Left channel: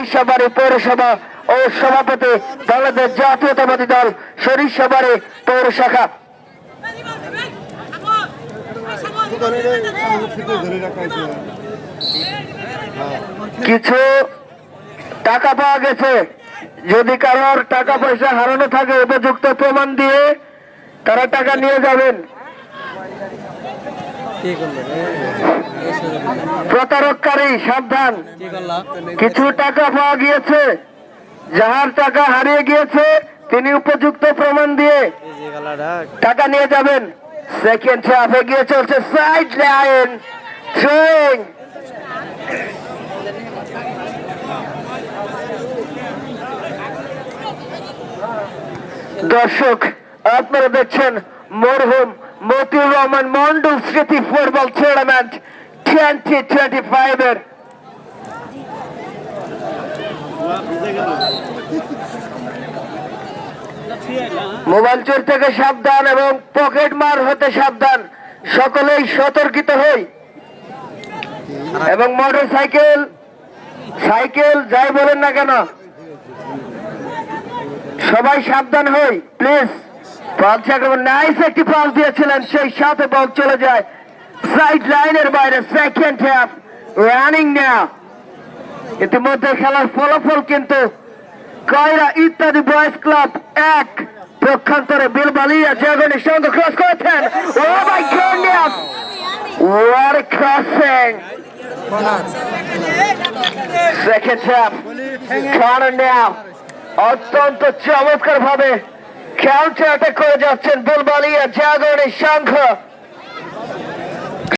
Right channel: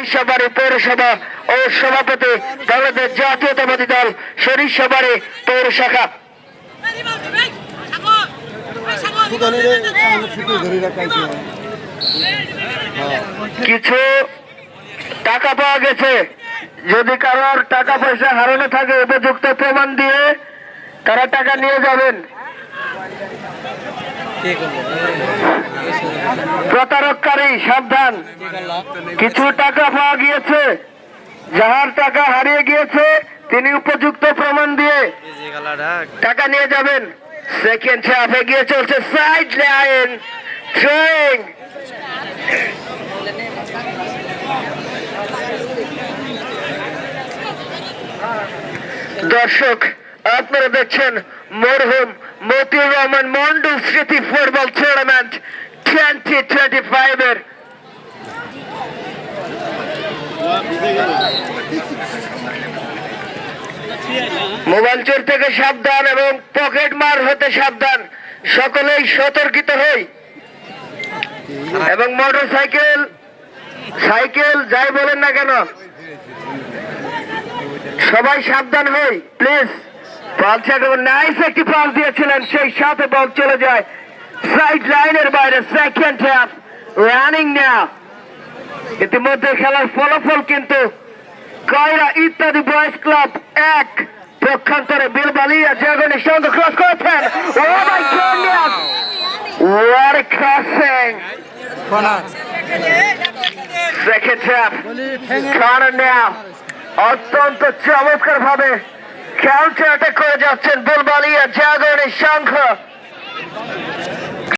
সরিষাবাড়ি পৌরসভা ও সভাপতি বাংলাদেশ জাতীয়তাবাদী দল সরিষাবাড়ি পৌর শাখা। কিছু টাকা পাওয়া গেছে, যদি কারোর টাকা পয়সা হারানো থাকে উপযুক্ত প্রমাণ দিয়ে তারা টাকা নিয়ে যাবেন। প্রতারককারী সাবধান। কিছু টাকা পাওয়া গিয়েছে, যাহার টাকা হারিয়ে গিয়েছে তিনি উপযুক্ত প্রমাণ দিয়ে টাকা নিয়ে যাবেন। সেকেন্ড হাফ এগিয়ে চলছে সাইড লাইন থ্রোয়িং। দর্শক আপনারা দেখছেন মরহুম মতিউর রহমান মন্ডল স্মৃতি ফুটবল টুর্নামেন্ট 2025 এর মোবাইল চোর থেকে সাবধান এবং পকেট মার হতে সাবধান, সকলেই সতর্কিত হই। এবং মোটর সাইকেল যাই বলেন না কেন সবাই সাবধান হই প্লিজ। নাইস একটি পাস দিয়েছিলেন, সেই সাথে বল চলে যায় সাইড লাইনের বাইরে। সেকেন্ড হাফ রানিং নাও। ইতিমধ্যে খেলার ফলাফল কিন্তু কয়রা ইত্যাদি বয়েজ ক্লাব 1, পক্ষান্তরে বিলবালিয়া জাগরণের সঙ্গে ক্রস করেছেন। Oh my goodness, what a crossing. Second half corner now. অত্যন্ত চমৎকার ভাবে কাউন্টার অ্যাটাক করে যাচ্ছেন বুলবালিয়া জাগরণের সংঘ।